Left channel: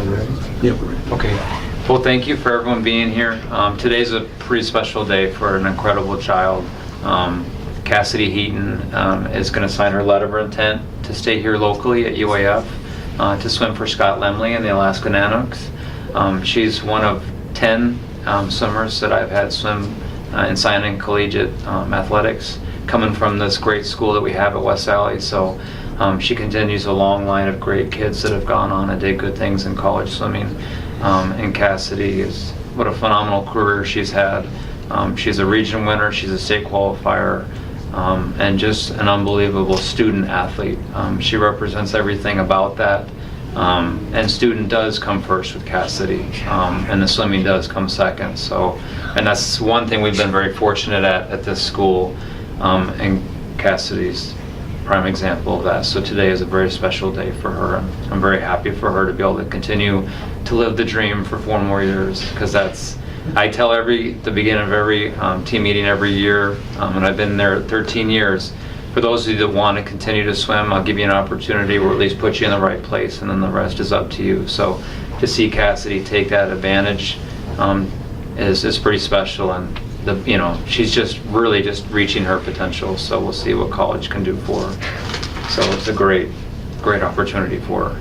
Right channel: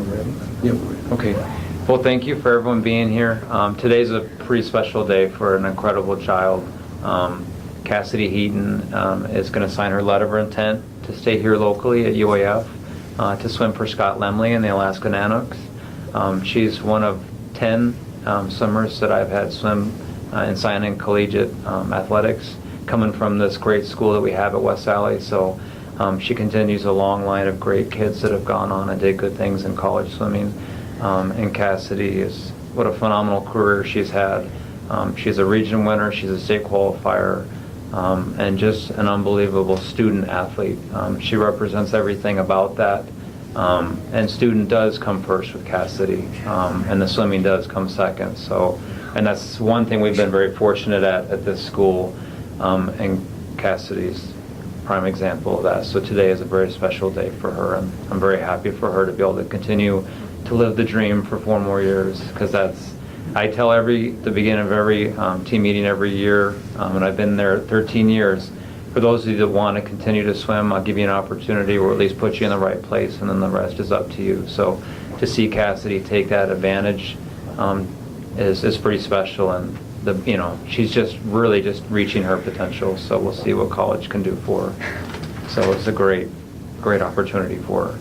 Yep. Okay. Well, thank you for everyone being here. Today's a pretty special day for an incredible child. Cassidy Heaton is going to sign her letter of intent to stay here locally at UAF to swim for Scott Lemley and the Alaska Nanooks. She's one of 10 swimmers that I've had swim and sign in collegiate athletics, coming from this great school that we have at West Valley. So she continues a long line of great kids that have gone on and did good things in college swimming. And Cassidy is, what a phenomenal career she's had. She's a region winner, she's a state qualifier, and just an unbelievable student athlete. She represents everything about that. And student does come first with Cassidy, and the swimming does come second. So, and that's one thing we've been very fortunate at this school, and Cassidy's prime example of that. So today is a very special day for her. I'm very happy for her to be able to continue to live the dream for 4 more years, because that's, I tell the beginning of every team meeting every year, and I've been there 13 years, for those of you that want to continue to swim, I'll give you an opportunity, or at least put you in the right place, and then the rest is up to you. So to see Cassidy take that advantage is pretty special, and she's just really just reaching her potential. So we'll see what college can do for her. So it's a great opportunity for her.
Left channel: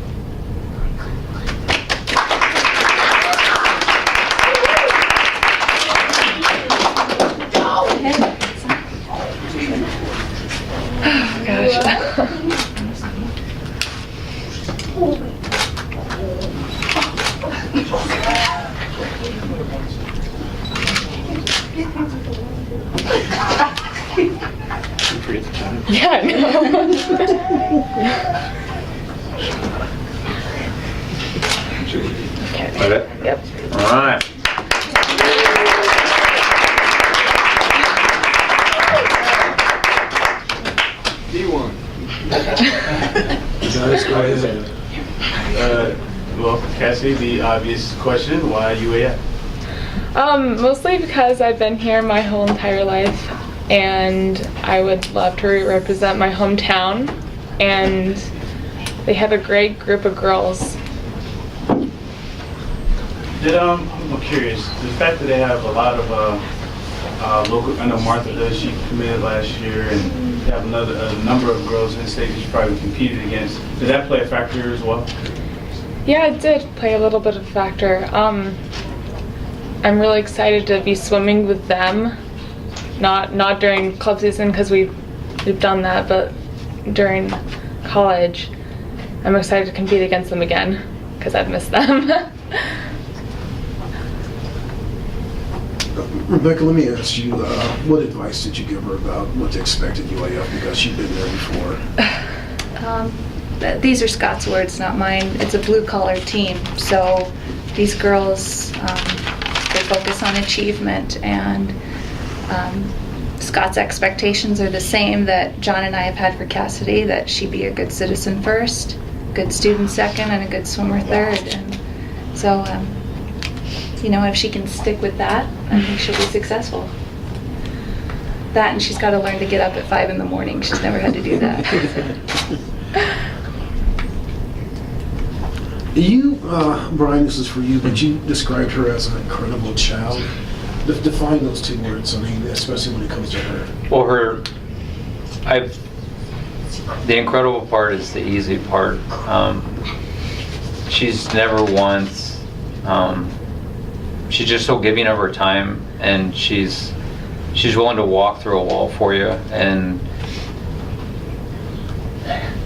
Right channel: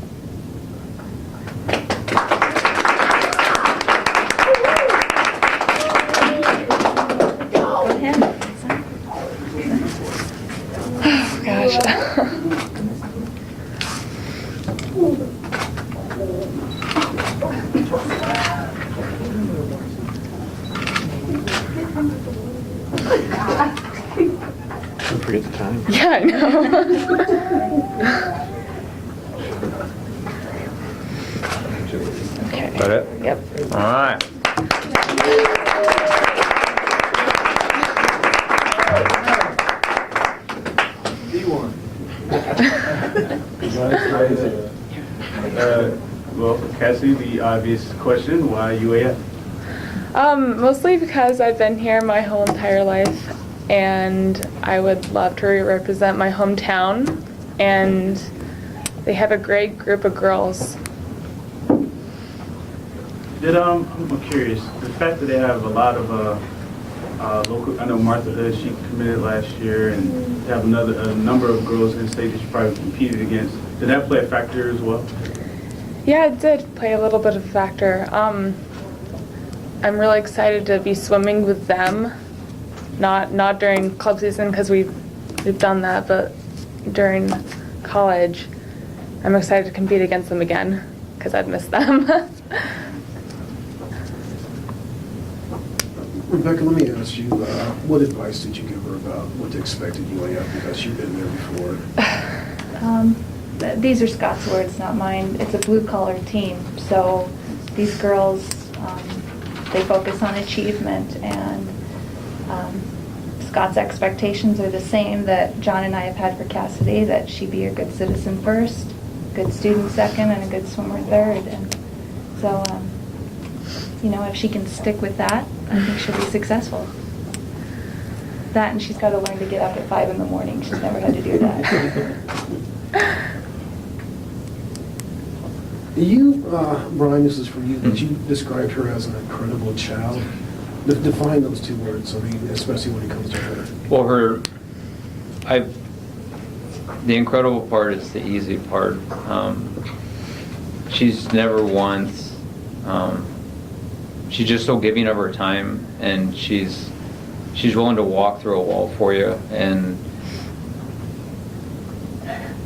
Forget the time. Yeah, I know. Is that it? Yep. All right. D1. Well, Cassie, the obvious question, why UAF? Mostly because I've been here my whole entire life, and I would love to represent my hometown, and they have a great group of girls. I'm curious, the fact that they have a lot of local, I know Martha, she committed last year, and they have a number of girls in state that she probably competed against. Did that play a factor as well? Yeah, it did play a little bit of a factor. I'm really excited to be swimming with them, not during club season, because we've done that, but during college, I'm excited to compete against them again, because I've missed them. Rebecca, let me ask you, what advice did you give her about what to expect at UAF, because she'd been there before? These are Scott's words, not mine. It's a blue-collar team, so these girls, they focus on achievement, and Scott's expectations are the same that John and I have had for Cassidy, that she be a good citizen first, good student second, and a good swimmer third. And so, if she can stick with that, I think she'll be successful. That, and she's got to learn to get up at 5 in the morning. She's never had to do that. You, Brian, this is for you, but you described her as an incredible child. Define those 2 words, especially when it comes to her. Well, the incredible part is the easy part. She's never once, she's just so giving of her time, and she's willing to walk through a wall for you, and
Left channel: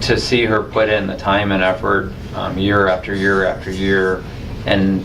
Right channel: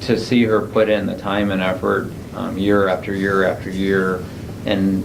to see her put in the time and effort year after year after year, and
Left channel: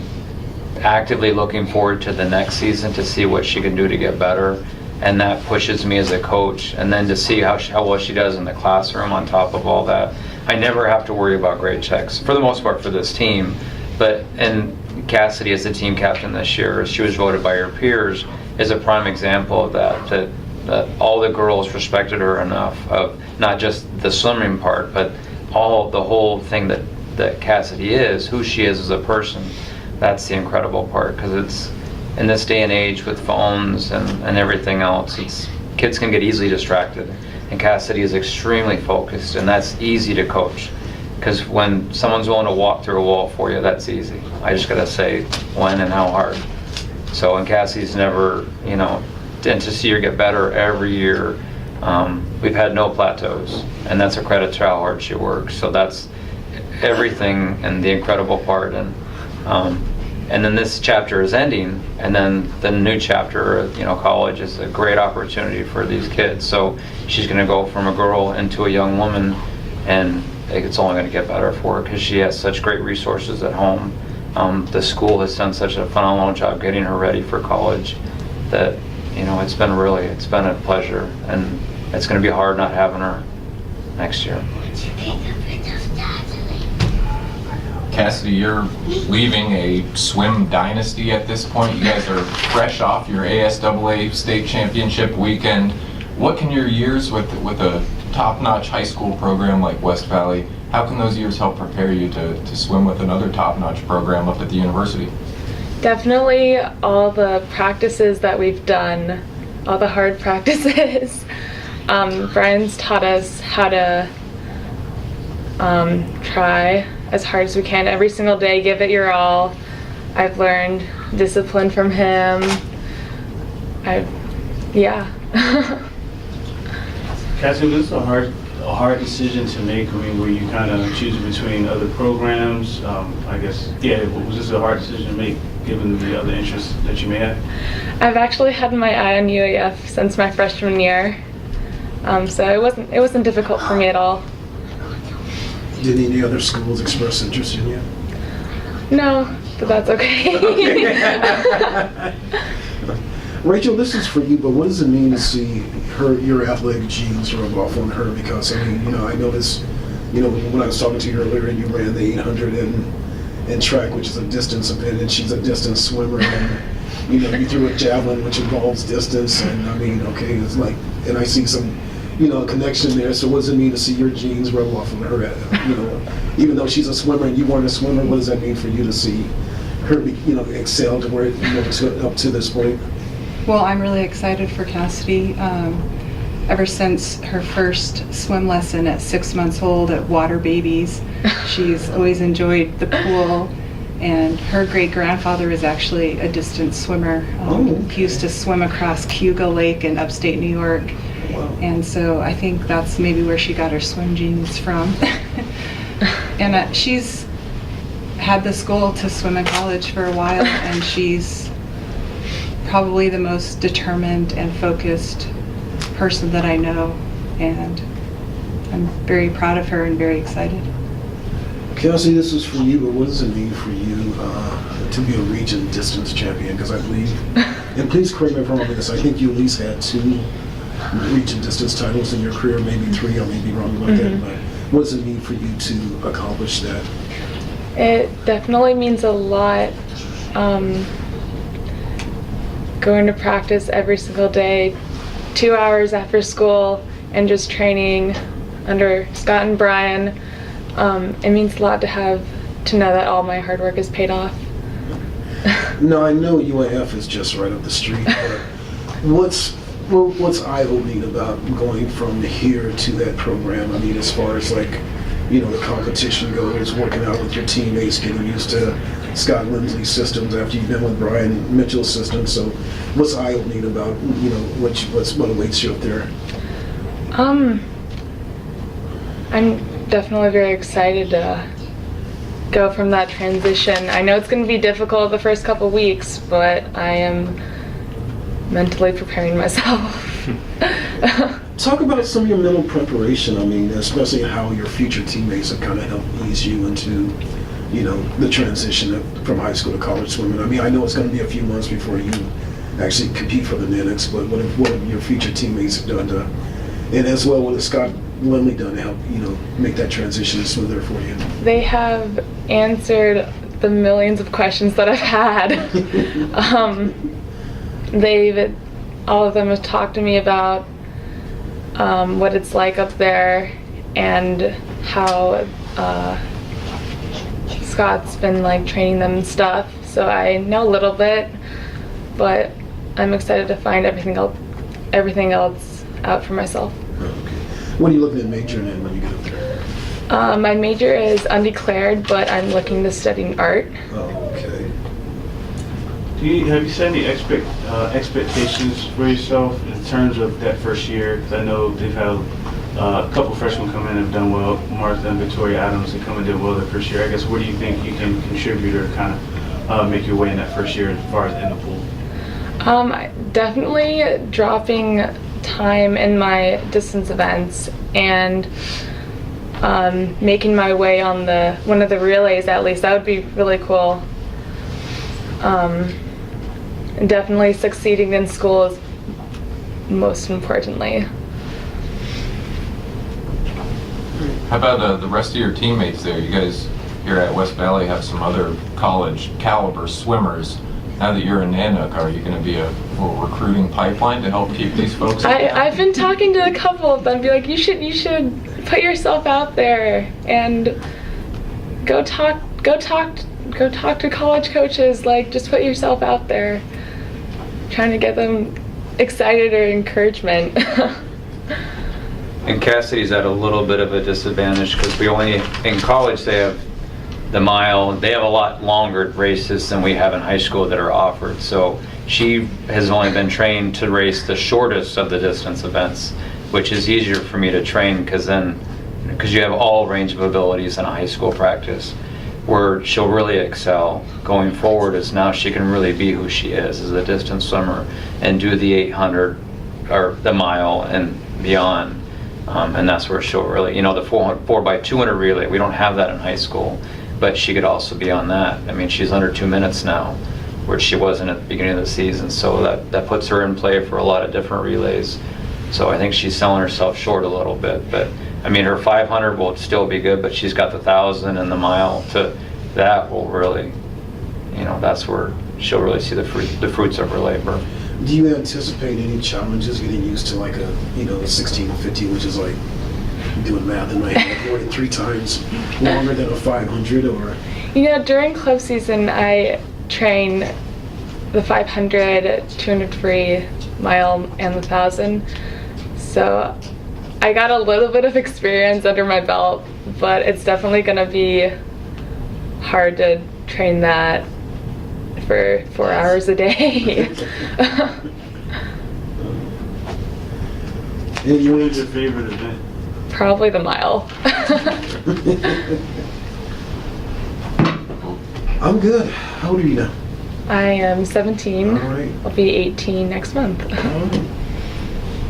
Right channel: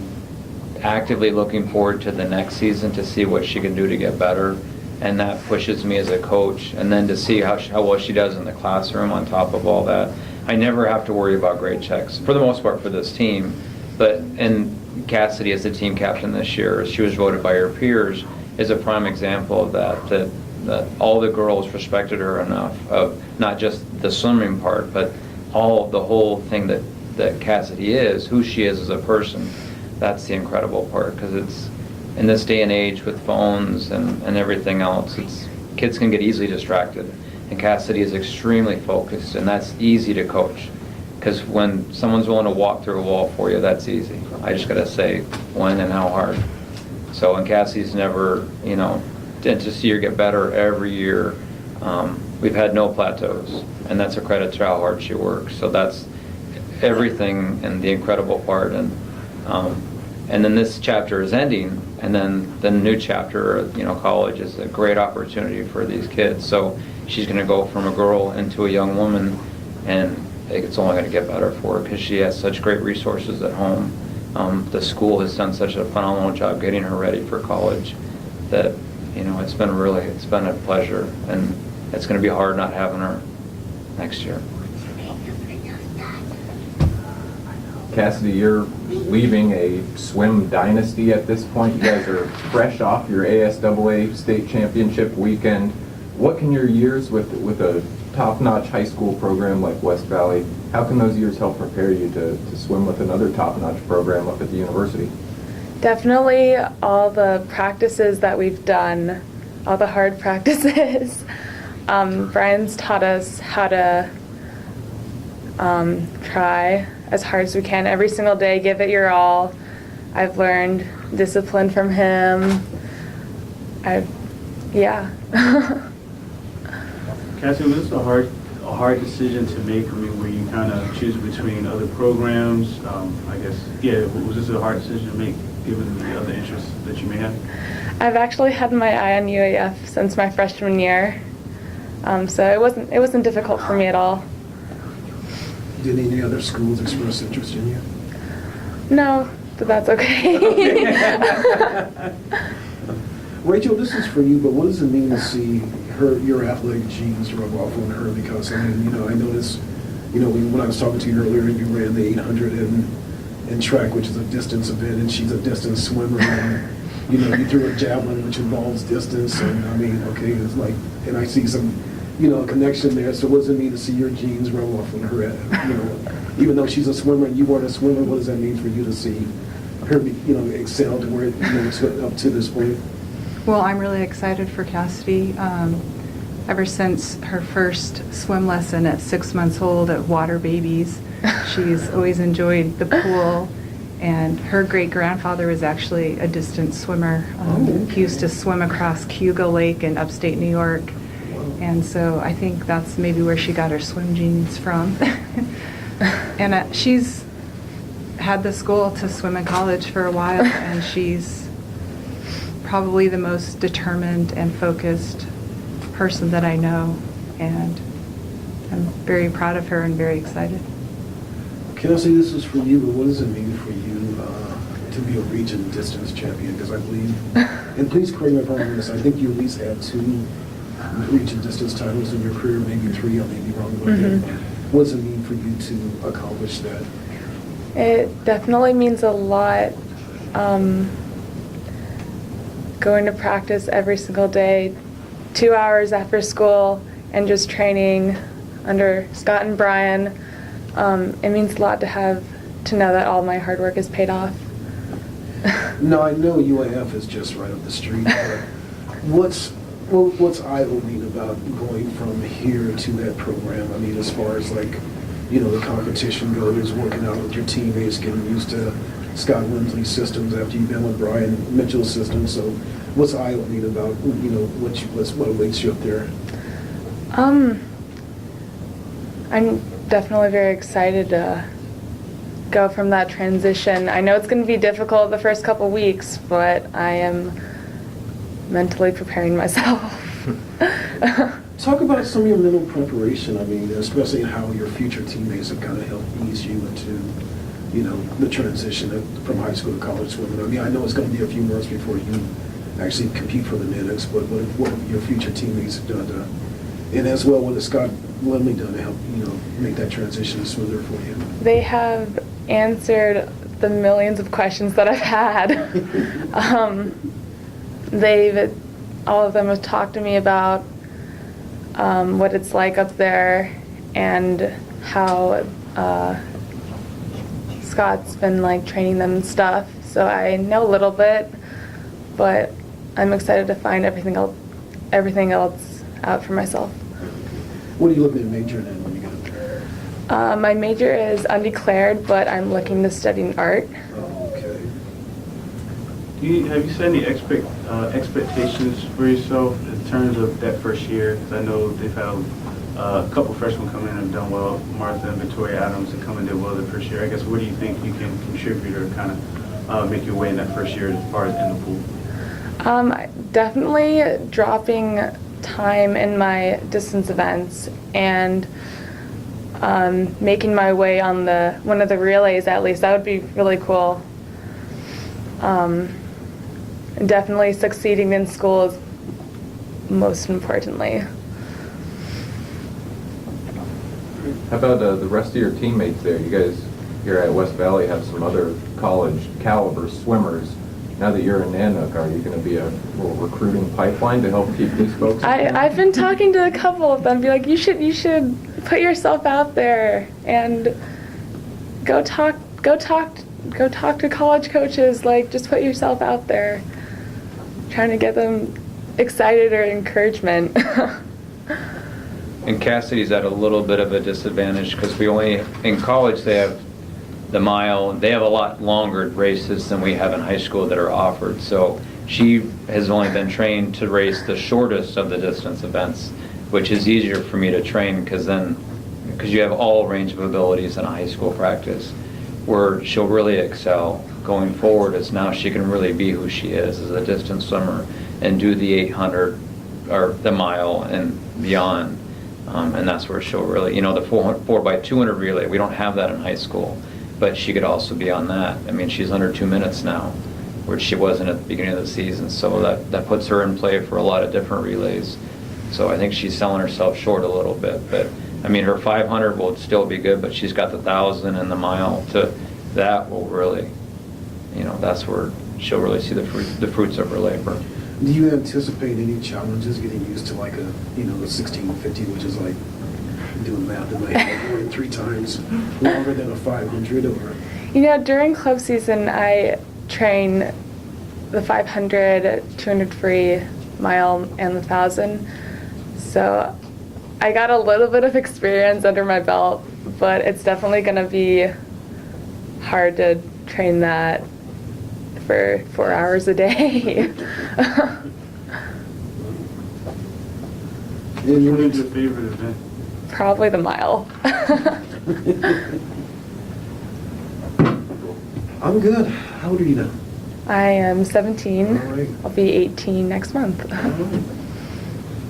actively looking forward to the next season to see what she can do to get better, and that pushes me as a coach. And then to see how well she does in the classroom on top of all that. I never have to worry about grade checks, for the most part, for this team. And Cassidy, as the team captain this year, she was voted by her peers, is a prime example of that all the girls respected her enough, of not just the swimming part, but the whole thing that Cassidy is, who she is as a person. That's the incredible part, because it's, in this day and age with phones and everything else, kids can get easily distracted, and Cassidy is extremely focused, and that's easy to coach. Because when someone's willing to walk through a wall for you, that's easy. I just gotta say when and how hard. So, and Cassie's never, you know, and to see her get better every year, we've had no plateaus, and that's a credit to how hard she works. So that's everything and the incredible part. And then this chapter is ending, and then the new chapter, you know, college is a great opportunity for these kids. So she's going to go from a girl into a young woman, and it's only going to get better for her because she has such great resources at home. The school has done such a phenomenal job getting her ready for college that, you know, it's been a pleasure, and it's going to be hard not having her next year. Cassidy, you're leaving a swim dynasty at this point. You guys are fresh off your ASAA state championship weekend. What can your years with a top-notch high school program like West Valley, how can those years help prepare you to swim with another top-notch program up at the university? Definitely all the practices that we've done, all the hard practices. Brian's taught us how to try as hard as we can every single day, give it your all. I've learned discipline from him. Yeah. Cassidy, was this a hard decision to make? I mean, were you kind of choosing between other programs? I guess, yeah, was this a hard decision to make given the other interests that you may have? I've actually had my eye on UAF since my freshman year, so it wasn't difficult for me at all. Did any other schools express interest in you? No, but that's okay. Rachel, this is for you, but what does it mean to see your athletic genes rub off on her? Because, I mean, you know, I noticed, you know, when I was talking to you earlier, you ran the 800 in track, which is a distance event, and she's a distance swimmer. And, you know, you threw a javelin, which involves distance, and I mean, okay, it's like, and I see some, you know, connection there. So what does it mean to see your genes rub off on her? You know, even though she's a swimmer and you weren't a swimmer, what does that mean for you to see her, you know, excel to where, you know, it's up to this point? Well, I'm really excited for Cassidy. Ever since her first swim lesson at 6 months old at Water Babies, she's always enjoyed the pool. And her great-grandfather was actually a distance swimmer. He used to swim across Cayuga Lake in upstate New York. And so I think that's maybe where she got her swim genes from. And she's had this goal to swim in college for a while, and she's probably the most determined and focused person that I know, and I'm very proud of her and very excited. Kelsey, this is for you, but what does it mean for you to be a region distance champion? Because I believe, and please correct me if I'm wrong on this, I think you at least had 2 region distance titles in your career, maybe 3, I may be wrong about that, but what does it mean for you to accomplish that? It definitely means a lot. Going to practice every single day, 2 hours after school, and just training under Scott and Brian. It means a lot to know that all my hard work is paid off. No, I know UAF is just right up the street, but what's eye-opening about going from here to that program? I mean, as far as like, you know, the competition goes, working out with your teammates, getting used to Scott Lindsley's systems after you've been with Brian Mitchell's system. So what's eye-opening about, you know, what motivates you up there? I'm definitely very excited to go from that transition. I know it's going to be difficult the first couple weeks, but I am mentally preparing myself. Talk about some of your mental preparation. I mean, especially how your future teammates have kind of helped ease you into, you know, the transition from high school to college swimming. I mean, I know it's going to be a few months before you actually compete for the Natics, but what have your future teammates have done to, and as well, what has Scott Lindley done to help, you know, make that transition smoother for you? They have answered the millions of questions that I've had. All of them have talked to me about what it's like up there and how Scott's been like training them and stuff. So I know a little bit, but I'm excited to find everything else out for myself. Okay. What are you looking at majoring in when you get up there? My major is undeclared, but I'm looking to study art. Oh, okay. Have you set any expectations for yourself in terms of that first year? Because I know they've had a couple freshmen come in and have done well. Martha and Victoria Adams have come and did well their first year. I guess what do you think you can contribute or kind of make your way in that first year as far as in the pool? Definitely dropping time in my distance events and making my way on one of the relays at least. That would be really cool. And definitely succeeding in school is most importantly. How about the rest of your teammates there? You guys here at West Valley have some other college caliber swimmers. Now that you're in Nanook, are you going to be a little recruiting pipeline to help keep these folks? I've been talking to a couple of them, be like, you should put yourself out there and go talk to college coaches. Like, just put yourself out there, trying to get them excited or encouragement. And Cassidy's at a little bit of a disadvantage because in college they have the mile, they have a lot longer races than we have in high school that are offered. So she has only been trained to race the shortest of the distance events, which is easier for me to train because you have all range of abilities in a high school practice. Where she'll really excel going forward is now she can really be who she is as a distance swimmer and do the 800 or the mile and beyond. And that's where she'll really, the 4x200 relay, we don't have that in high school, but she could also be on that. I mean, she's under 2 minutes now, where she wasn't at the beginning of the season, so that puts her in play for a lot of different relays. So I think she's selling herself short a little bit, but I mean, her 500 will still be good, but she's got the 1,000 and the mile to that will really, that's where she'll really see the fruits of her labor. Do you anticipate any challenges getting used to like the 1650, which is like doing math in my head, more than 3 times longer than a 500 or? During club season, I train the 500, 200 free, mile, and the 1,000. So I got a little bit of experience under my belt, but it's definitely going to be hard to train that for 4 hours a day. And you What's your favorite event? Probably the mile. I'm good. How old are you now? I am 17. All right. I'll be 18 next month. Oh,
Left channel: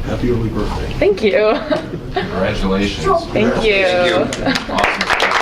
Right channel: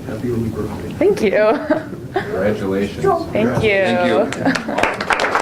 happy early birthday. Thank you. Congratulations. Thank you. Thank you. Awesome.